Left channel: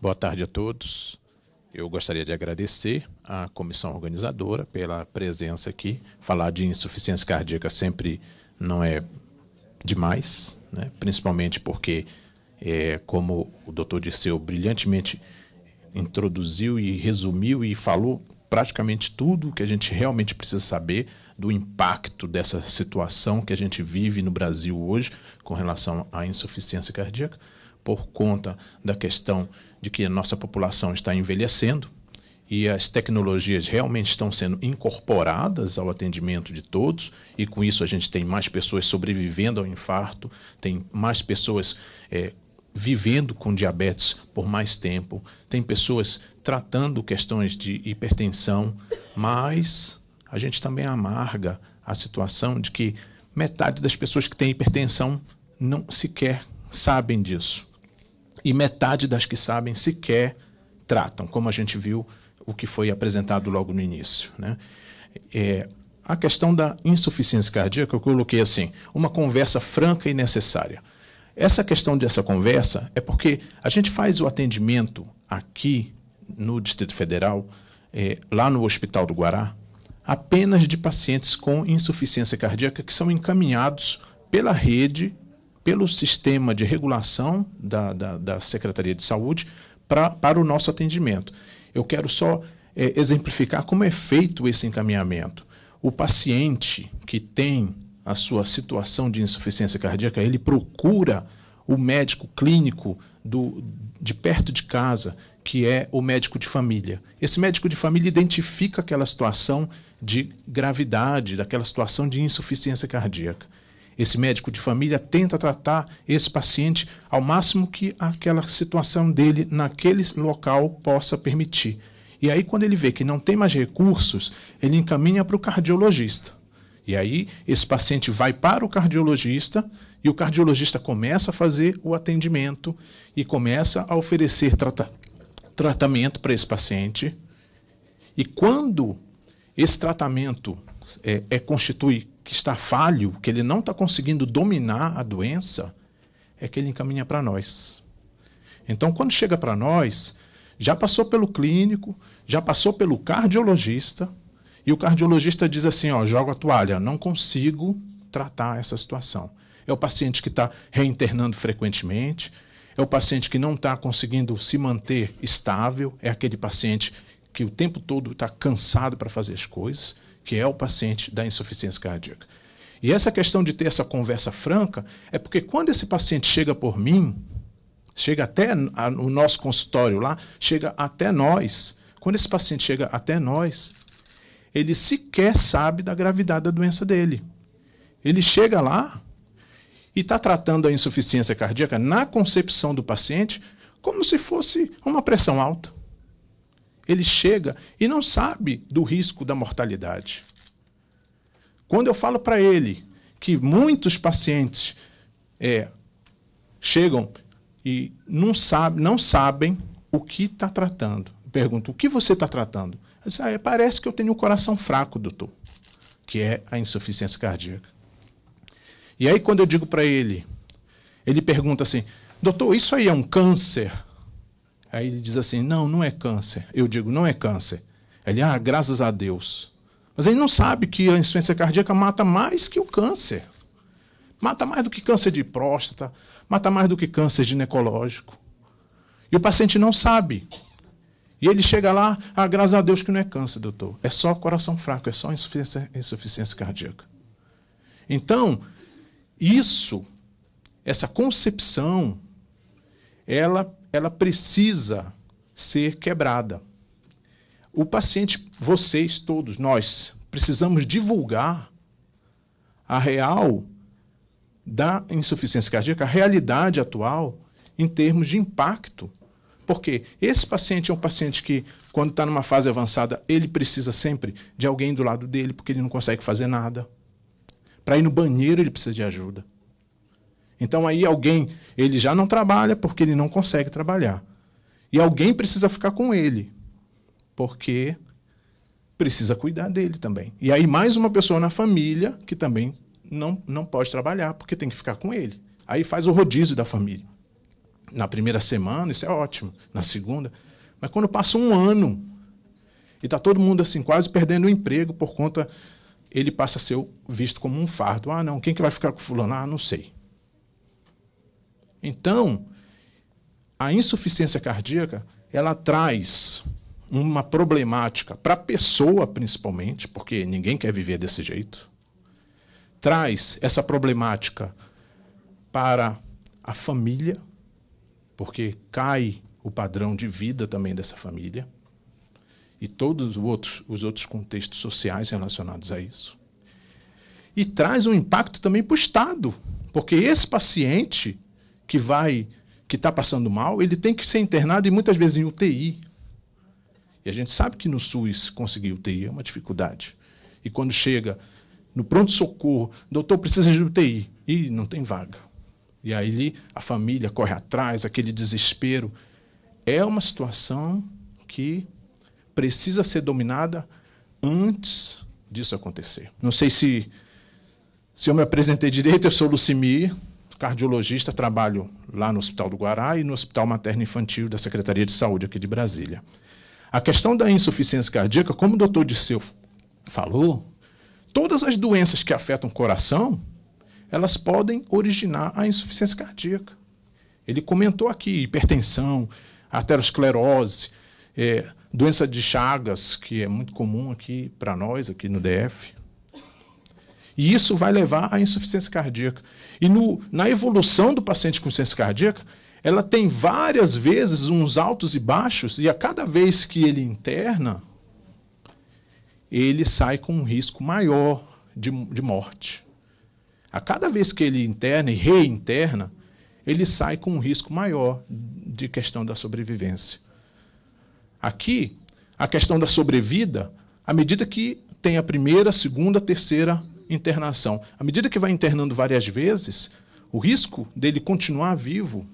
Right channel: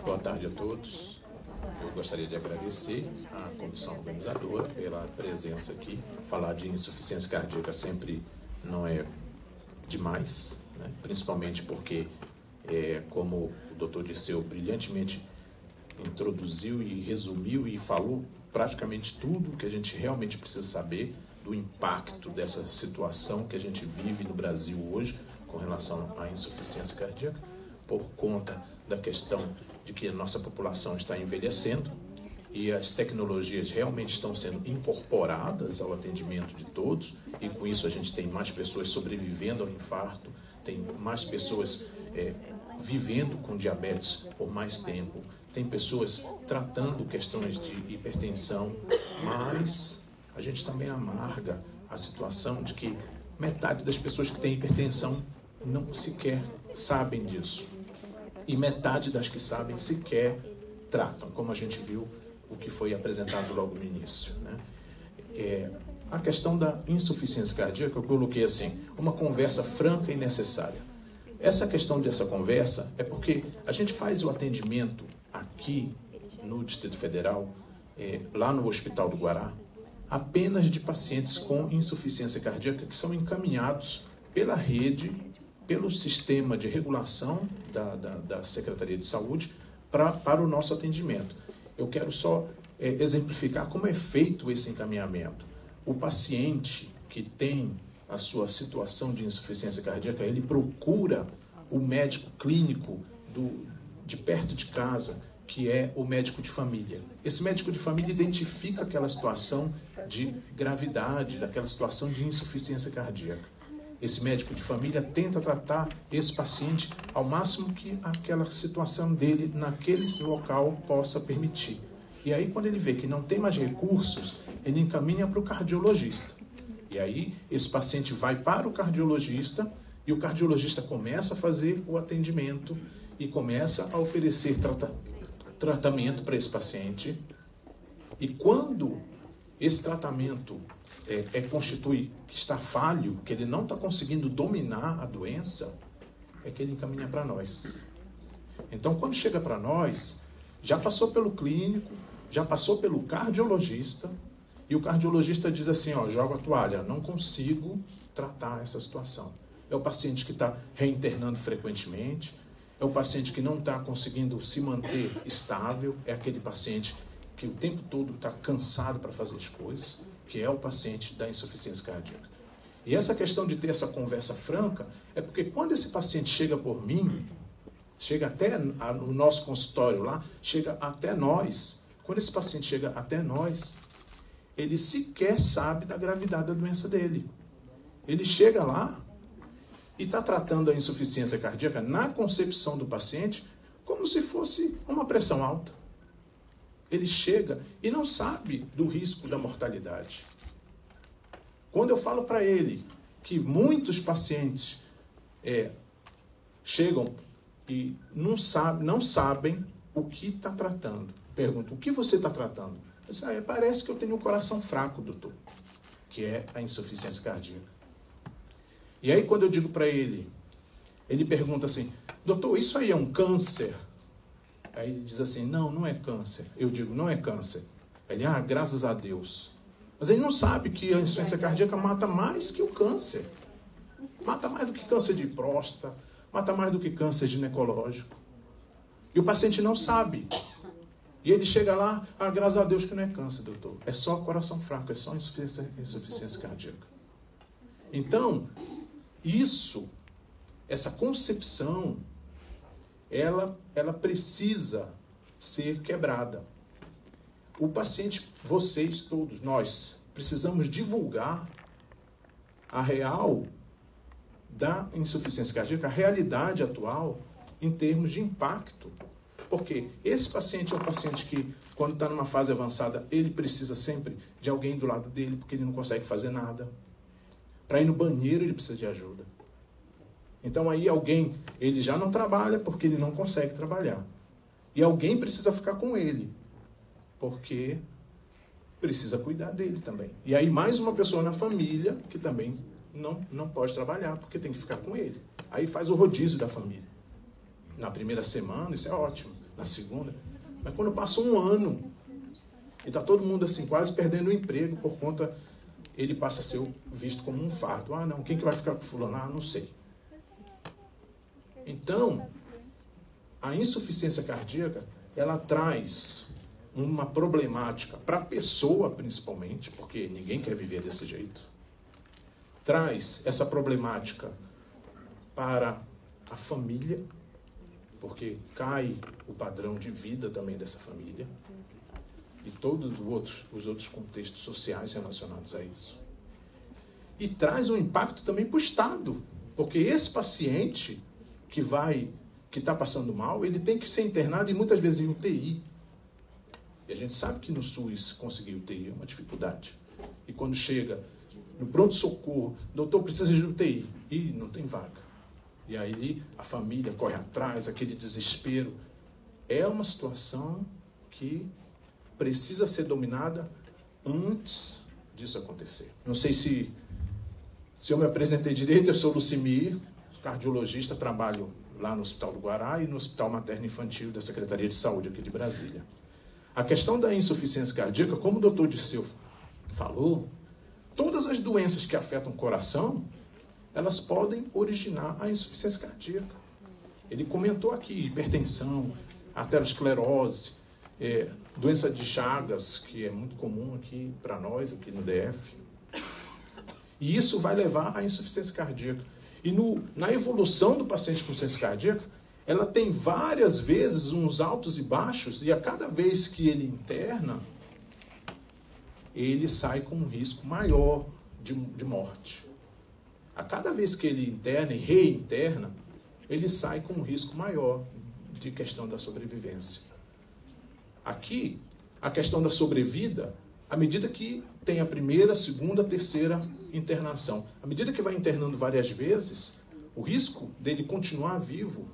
Boa tarde a todos. Eu gostaria de agradecer à comissão organizadora pela presença aqui. Falar de insuficiência cardíaca sempre não é demais, né? Principalmente porque, como o doutor Dirceu brilhantemente introduziu e resumiu e falou praticamente tudo que a gente realmente precisa saber do impacto dessa situação que a gente vive no Brasil hoje com relação à insuficiência cardíaca, por conta da questão de que a nossa população está envelhecendo e as tecnologias realmente estão sendo incorporadas ao atendimento de todos, e com isso a gente tem mais pessoas sobrevivendo ao infarto, tem mais pessoas vivendo com diabetes por mais tempo, tem pessoas tratando questões de hipertensão, mas a gente também amarga a situação de que metade das pessoas que têm hipertensão não sequer sabem disso. E metade das que sabem sequer tratam, como a gente viu o que foi apresentado logo no início, né? A questão da insuficiência cardíaca, eu coloquei assim, uma conversa franca e necessária. Essa questão dessa conversa é porque a gente faz o atendimento aqui no Distrito Federal, lá no Hospital do Guará, apenas de pacientes com insuficiência cardíaca que são encaminhados pela rede, pelo sistema de regulação da Secretaria de Saúde para o nosso atendimento. Eu quero só exemplificar como é feito esse encaminhamento. O paciente que tem a sua situação de insuficiência cardíaca, ele procura o médico clínico de perto de casa, que é o médico de família. Esse médico de família identifica aquela situação de gravidade, daquela situação de insuficiência cardíaca. Esse médico de família tenta tratar esse paciente ao máximo que aquela situação dele naquele local possa permitir. E aí, quando ele vê que não tem mais recursos, ele encaminha para o cardiologista. E aí, esse paciente vai para o cardiologista e o cardiologista começa a fazer o atendimento e começa a oferecer tratamento para esse paciente. E quando esse tratamento constitui que está falho, que ele não está conseguindo dominar a doença, é que ele encaminha para nós. Então, quando chega para nós, já passou pelo clínico, já passou pelo cardiologista, e o cardiologista diz assim, joga a toalha, não consigo tratar essa situação. É o paciente que está reinternando frequentemente, é o paciente que não está conseguindo se manter estável, é aquele paciente que o tempo todo está cansado para fazer as coisas, que é o paciente da insuficiência cardíaca. E essa questão de ter essa conversa franca é porque quando esse paciente chega por mim, chega até o nosso consultório lá, chega até nós, quando esse paciente chega até nós, ele sequer sabe da gravidade da doença dele. Ele chega lá e está tratando a insuficiência cardíaca na concepção do paciente como se fosse uma pressão alta. Ele chega e não sabe do risco da mortalidade. Quando eu falo para ele que muitos pacientes chegam e não sabem o que está tratando. Eu pergunto, o que você está tratando? Eu digo, parece que eu tenho um coração fraco, doutor, que é a insuficiência cardíaca. E aí quando eu digo para ele, ele pergunta assim, doutor, isso aí é um câncer? Aí ele diz assim, não é câncer. Eu digo, não é câncer. Ele, graças a Deus. Mas ele não sabe que a insuficiência cardíaca mata mais que o câncer. Mata mais do que câncer de próstata, mata mais do que câncer ginecológico. E o paciente não sabe. E ele chega lá, graças a Deus que não é câncer, doutor. É só coração fraco, é só insuficiência cardíaca. Então, essa concepção, ela precisa ser quebrada. O paciente, vocês todos, nós, precisamos divulgar a real da insuficiência cardíaca, a realidade atual em termos de impacto. Porque esse paciente é um paciente que, quando está numa fase avançada, ele precisa sempre de alguém do lado dele, porque ele não consegue fazer nada. Para ir no banheiro, ele precisa de ajuda. Então aí ele já não trabalha porque ele não consegue trabalhar. E alguém precisa ficar com ele, porque precisa cuidar dele também. E aí mais uma pessoa na família que também não pode trabalhar, porque tem que ficar com ele. Aí faz o rodízio da família. Na primeira semana, isso é ótimo. Na segunda. Mas quando passa um ano e está todo mundo assim, quase perdendo o emprego por conta, ele passa a ser visto como um fardo. Ah, não, quem que vai ficar com fulano? Ah, não sei. Então, a insuficiência cardíaca, ela traz uma problemática para a pessoa, principalmente, porque ninguém quer viver desse jeito. Traz essa problemática para a família, porque cai o padrão de vida também dessa família e todos os outros contextos sociais relacionados a isso. E traz um impacto também para o Estado, porque esse paciente que está passando mal, ele tem que ser internado e muitas vezes em UTI. E a gente sabe que no SUS conseguir UTI é uma dificuldade. E quando chega no pronto-socorro, doutor, precisa de UTI, e não tem vaga. E aí a família corre atrás, aquele desespero. É uma situação que precisa ser dominada antes disso acontecer. Não sei se eu me apresentei direito, eu sou Lucimir, cardiologista, trabalho lá no Hospital do Guará e no Hospital Materno Infantil da Secretaria de Saúde aqui de Brasília. A questão da insuficiência cardíaca, como o doutor Disseu falou, todas as doenças que afetam o coração, elas podem originar a insuficiência cardíaca. Ele comentou aqui hipertensão, arteriosclerose, doença de Chagas, que é muito comum aqui para nós, aqui no DF. E isso vai levar à insuficiência cardíaca. E na evolução do paciente com insuficiência cardíaca, ela tem várias vezes uns altos e baixos, e a cada vez que ele interna, ele sai com um risco maior de morte. A cada vez que ele interna e reinterna, ele sai com um risco maior de questão da sobrevivência. Aqui, a questão da sobrevida, à medida que tem a primeira, segunda, terceira internação, à medida que vai internando várias vezes, o risco dele continuar vivo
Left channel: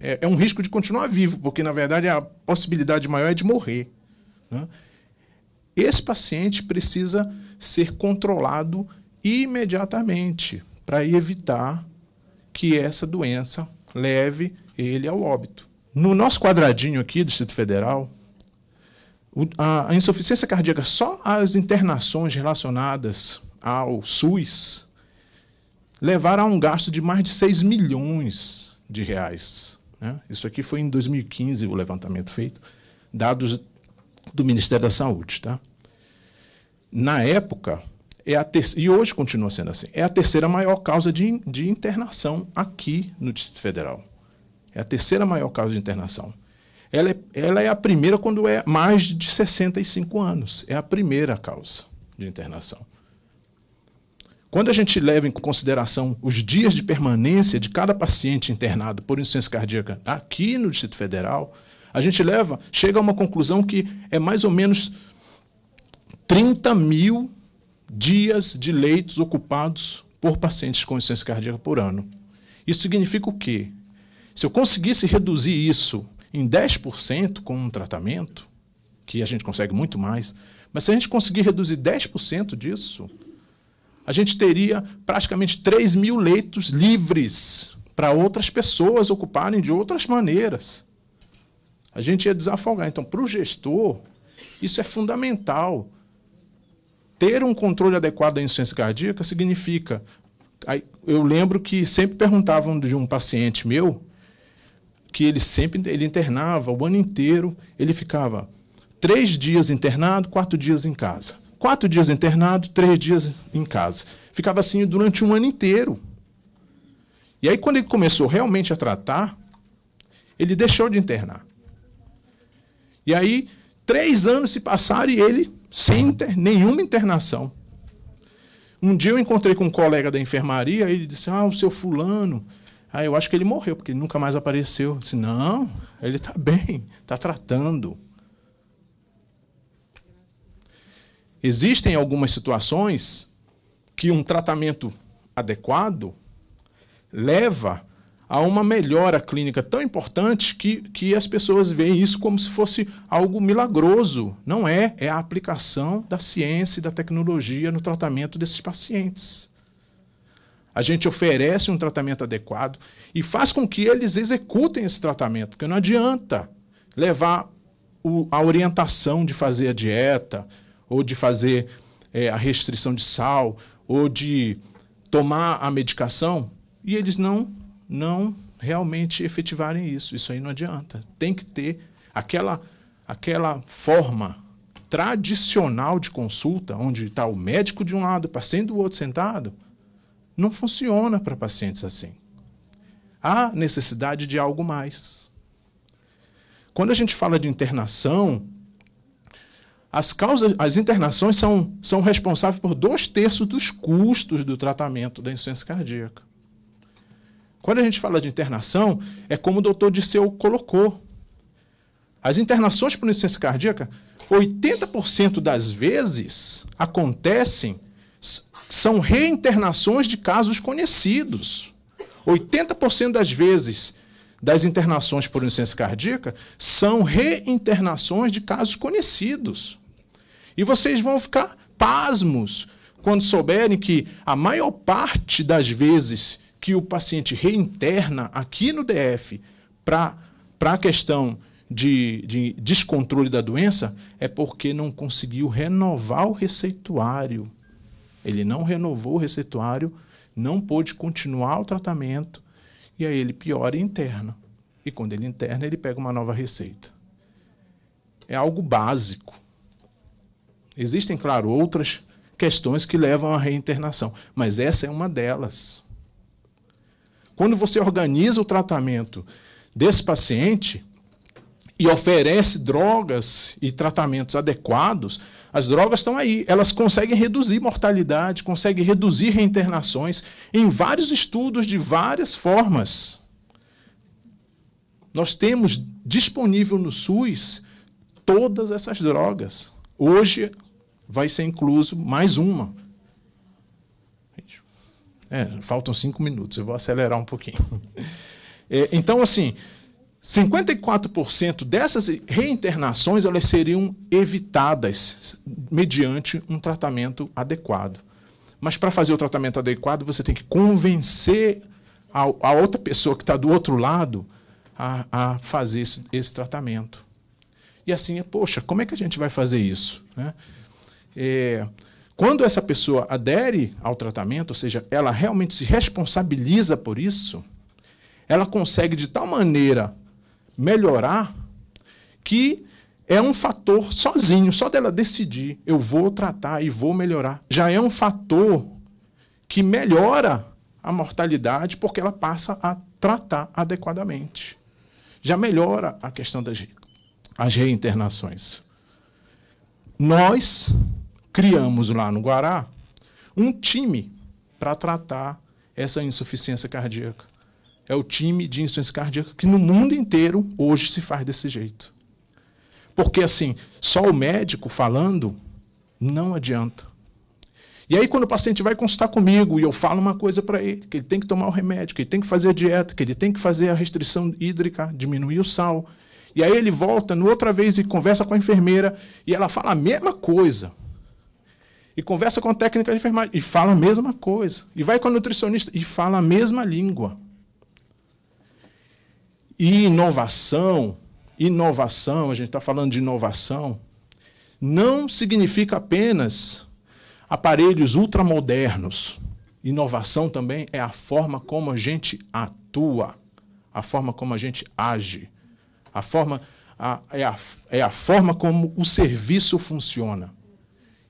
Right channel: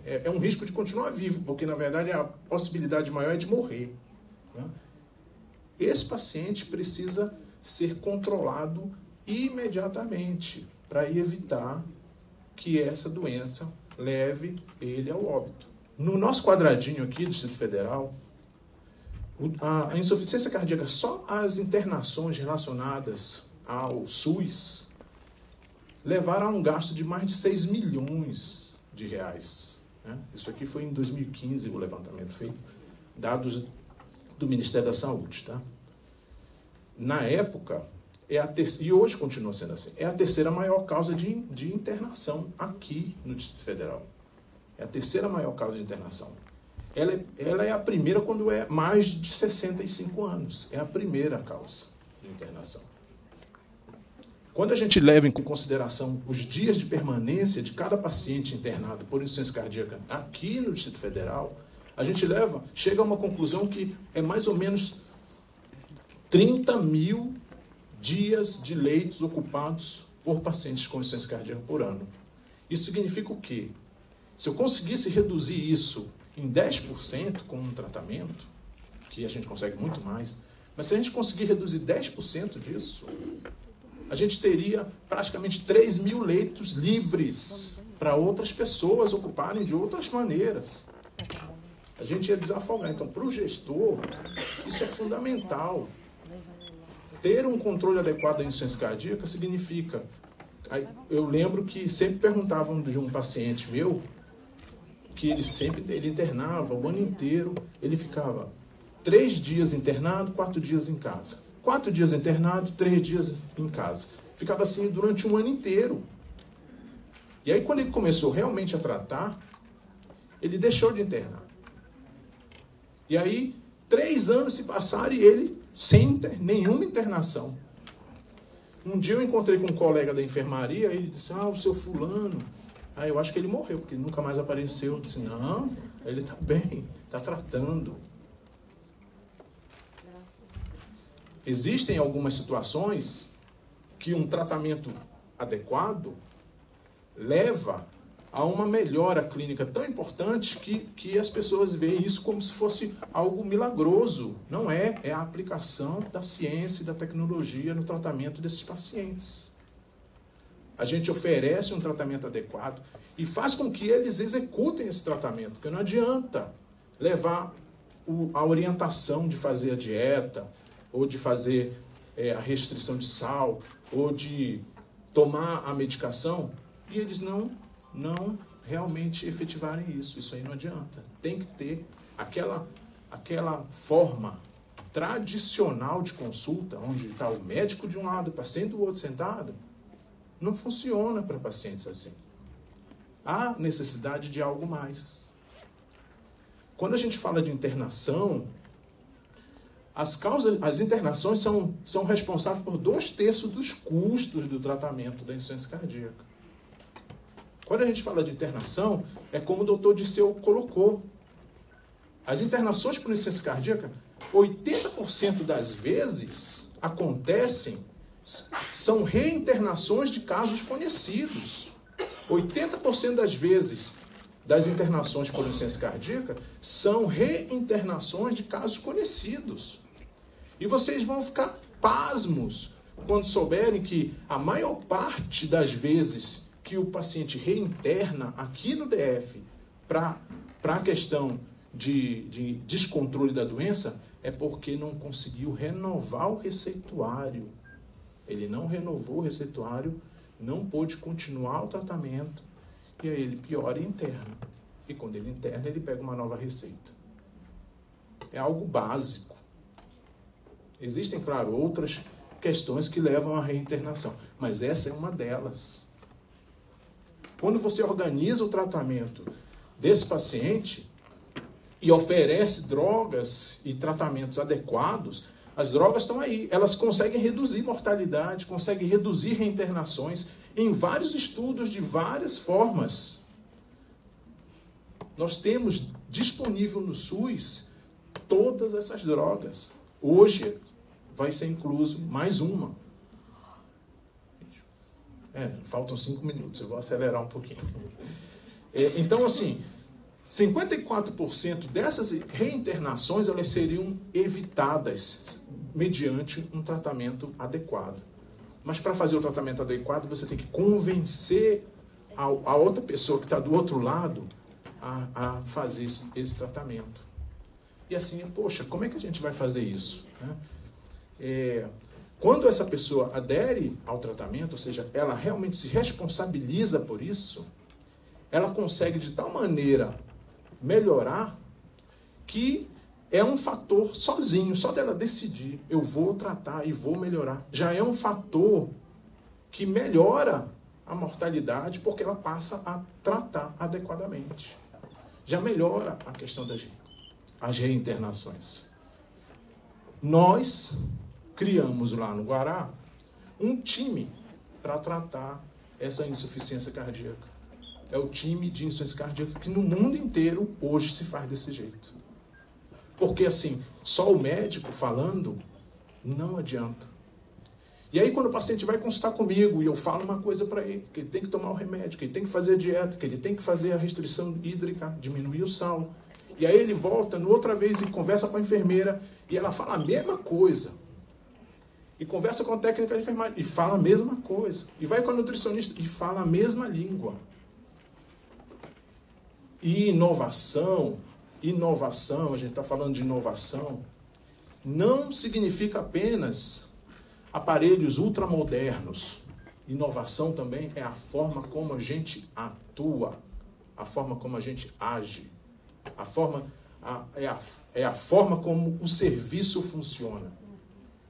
é um risco de continuar vivo, porque, na verdade, a possibilidade maior é de morrer, né? Esse paciente precisa ser controlado imediatamente para evitar que essa doença leve ele ao óbito. No nosso quadradinho aqui do Distrito Federal, a insuficiência cardíaca, só as internações relacionadas ao SUS levaram a um gasto de mais de 6 milhões de reais, né? Isso aqui foi em 2015 o levantamento feito, dados do Ministério da Saúde, tá? Na época, e hoje continua sendo assim, é a terceira maior causa de internação aqui no Distrito Federal. É a terceira maior causa de internação. Ela é a primeira quando é mais de 65 anos. É a primeira causa de internação. Quando a gente leva em consideração os dias de permanência de cada paciente internado por insuficiência cardíaca aqui no Distrito Federal, a gente chega a uma conclusão que é mais ou menos 30 mil dias de leitos ocupados por pacientes com insuficiência cardíaca por ano. Isso significa o quê? Se eu conseguisse reduzir isso em 10% com um tratamento, que a gente consegue muito mais, mas se a gente conseguir reduzir 10% disso, a gente teria praticamente 3 mil leitos livres para outras pessoas ocuparem de outras maneiras. A gente ia desafogar. Então, para o gestor, isso é fundamental. Ter um controle adequado da insuficiência cardíaca significa... Eu lembro que sempre perguntavam de um paciente meu que ele internava o ano inteiro, ele ficava 3 dias internado, 4 dias em casa. 4 dias internado, 3 dias em casa. Ficava assim durante um ano inteiro. E aí, quando ele começou realmente a tratar, ele deixou de internar. E aí, 3 anos se passaram e ele sem nenhuma internação. Um dia eu encontrei com um colega da enfermaria e ele disse, o seu fulano, eu acho que ele morreu, porque ele nunca mais apareceu. Eu disse, não, ele está bem, está tratando. Existem algumas situações que um tratamento adequado leva a uma melhora clínica tão importante que as pessoas veem isso como se fosse algo milagroso. Não é, é a aplicação da ciência e da tecnologia no tratamento desses pacientes. A gente oferece um tratamento adequado e faz com que eles executem esse tratamento, porque não adianta levar a orientação de fazer a dieta, ou de fazer a restrição de sal, ou de tomar a medicação, e eles não realmente efetivarem isso. Isso aí não adianta. Tem que ter aquela forma tradicional de consulta, onde está o médico de um lado, o paciente do outro sentado, não funciona para pacientes assim. Há necessidade de algo mais. Quando a gente fala de internação, as internações são responsáveis por 2/3 dos custos do tratamento da insuficiência cardíaca. Quando a gente fala de internação, é como o doutor Disseu colocou. As internações por insuficiência cardíaca, 80% das vezes são reinternações de casos conhecidos. 80% das vezes das internações por insuficiência cardíaca são reinternações de casos conhecidos. E vocês vão ficar pasmos quando souberem que a maior parte das vezes que o paciente reinterna aqui no DF para a questão de descontrole da doença é porque não conseguiu renovar o receituário. Ele não renovou o receituário, não pôde continuar o tratamento, e aí ele piora e interna. E quando ele interna, ele pega uma nova receita. É algo básico. Existem, claro, outras questões que levam à reinternação, mas essa é uma delas. Quando você organiza o tratamento desse paciente e oferece drogas e tratamentos adequados, as drogas estão aí, elas conseguem reduzir mortalidade, conseguem reduzir reinternações em vários estudos de várias formas. Nós temos disponível no SUS todas essas drogas. Hoje vai ser incluso mais uma. Faltam 5 minutos, eu vou acelerar um pouquinho. Então, assim, 54% dessas reinternações elas seriam evitadas mediante um tratamento adequado. Mas para fazer o tratamento adequado, você tem que convencer a outra pessoa que está do outro lado a fazer esse tratamento. E assim, poxa, como é que a gente vai fazer isso? Quando essa pessoa adere ao tratamento, ou seja, ela realmente se responsabiliza por isso, ela consegue de tal maneira melhorar que é um fator sozinho, só dela decidir, eu vou tratar e vou melhorar. Já é um fator que melhora a mortalidade porque ela passa a tratar adequadamente. Já melhora a questão das reinternações. Nós criamos lá no Guará um time para tratar essa insuficiência cardíaca. É o time de insuficiência cardíaca que no mundo inteiro hoje se faz desse jeito. Porque, assim, só o médico falando não adianta. E aí, quando o paciente vai consultar comigo e eu falo uma coisa para ele, que ele tem que tomar o remédio, que ele tem que fazer a dieta, que ele tem que fazer a restrição hídrica, diminuir o sal. E aí ele volta outra vez e conversa com a enfermeira e ela fala a mesma coisa. E conversa com a técnica de enfermagem e fala a mesma coisa. E vai com a nutricionista e fala a mesma língua. E inovação, a gente está falando de inovação, não significa apenas aparelhos ultramodernos. Inovação também é a forma como a gente atua, a forma como a gente age, é a forma como o serviço funciona.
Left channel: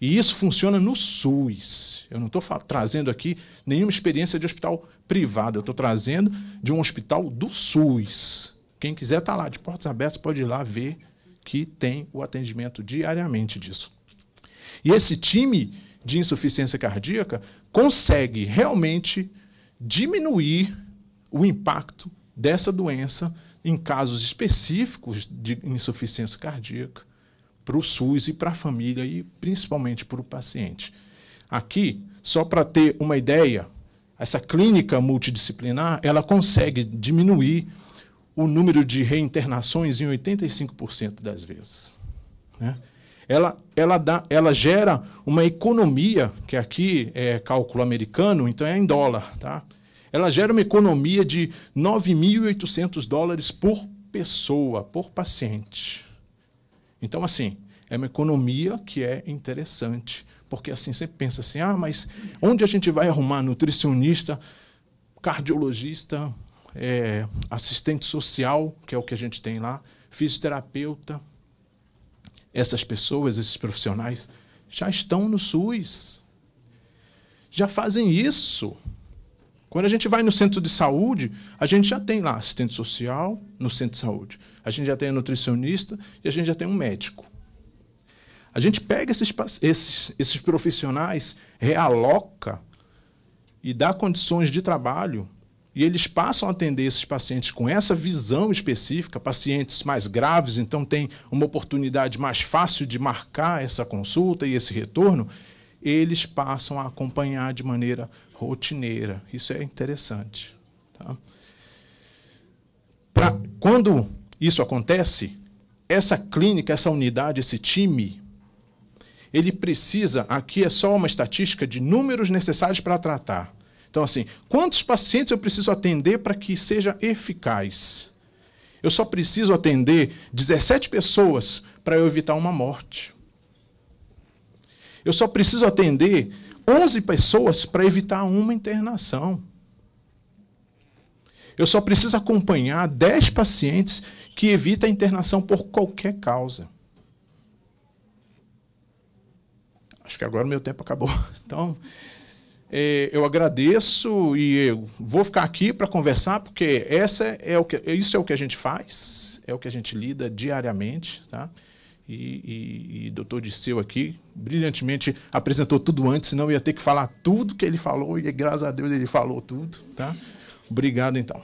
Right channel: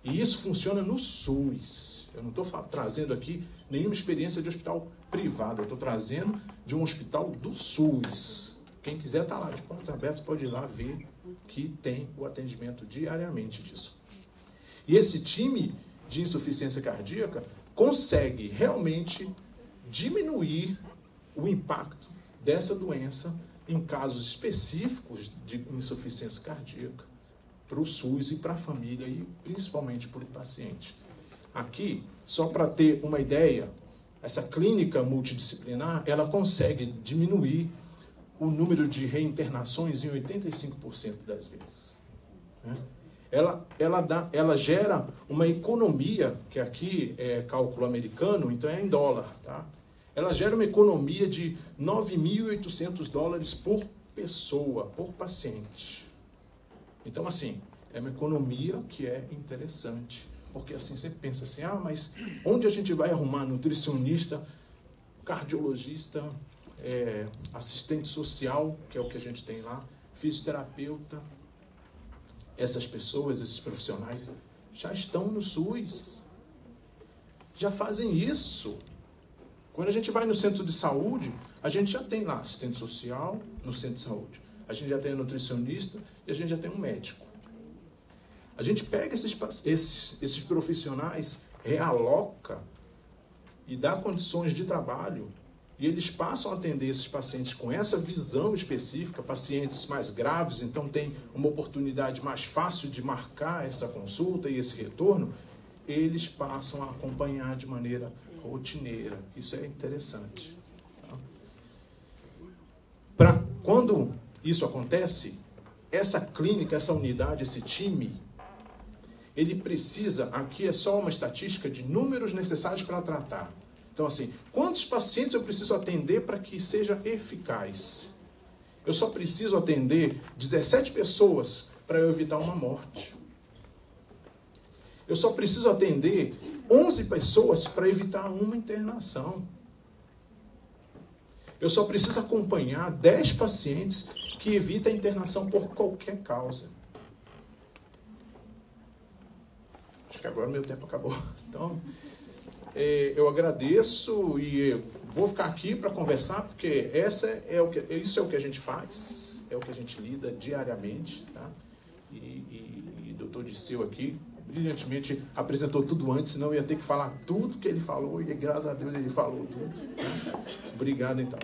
E isso funciona no SUS. Eu não estou trazendo aqui nenhuma experiência de hospital privado, eu estou trazendo de um hospital do SUS. Quem quiser estar lá de portas abertas pode ir lá ver que tem o atendimento diariamente disso. E esse time de insuficiência cardíaca consegue realmente diminuir o impacto dessa doença em casos específicos de insuficiência cardíaca para o SUS e para a família e principalmente para o paciente. Aqui, só para ter uma ideia, essa clínica multidisciplinar, ela consegue diminuir o número de reinternações em 85% das vezes. Né? ela gera uma economia, que aqui é cálculo americano, então é em dólar, tá? Ela gera uma economia de $9.800 por pessoa, por paciente. Então, assim, é uma economia que é interessante, porque assim, sempre pensa assim, mas onde a gente vai arrumar nutricionista, cardiologista, assistente social, que é o que a gente tem lá, fisioterapeuta? Essas pessoas, esses profissionais, já estão no SUS. Já fazem isso. Quando a gente vai no centro de saúde, a gente já tem lá assistente social no centro de saúde. A gente já tem a nutricionista e a gente já tem um médico. A gente pega esses profissionais, realoca e dá condições de trabalho, e eles passam a atender esses pacientes com essa visão específica, pacientes mais graves, então tem uma oportunidade mais fácil de marcar essa consulta e esse retorno, eles passam a acompanhar de maneira rotineira. Isso é interessante. Tá? Quando isso acontece, essa clínica, essa unidade, esse time, ele precisa, aqui é só uma estatística de números necessários para tratar. Então, assim, quantos pacientes eu preciso atender para que seja eficaz? Eu só preciso atender 17 pessoas para eu evitar uma morte. Eu só preciso atender 11 pessoas para evitar uma internação. Eu só preciso acompanhar 10 pacientes que evitam a internação por qualquer causa. Acho que agora o meu tempo acabou. Então, eu agradeço e eu vou ficar aqui para conversar, porque isso é o que a gente faz, é o que a gente lida diariamente, tá? E o doutor Disseu aqui, brilhantemente, apresentou tudo antes, senão eu ia ter que falar tudo que ele falou, e graças a Deus ele falou tudo, tá? Obrigado, então.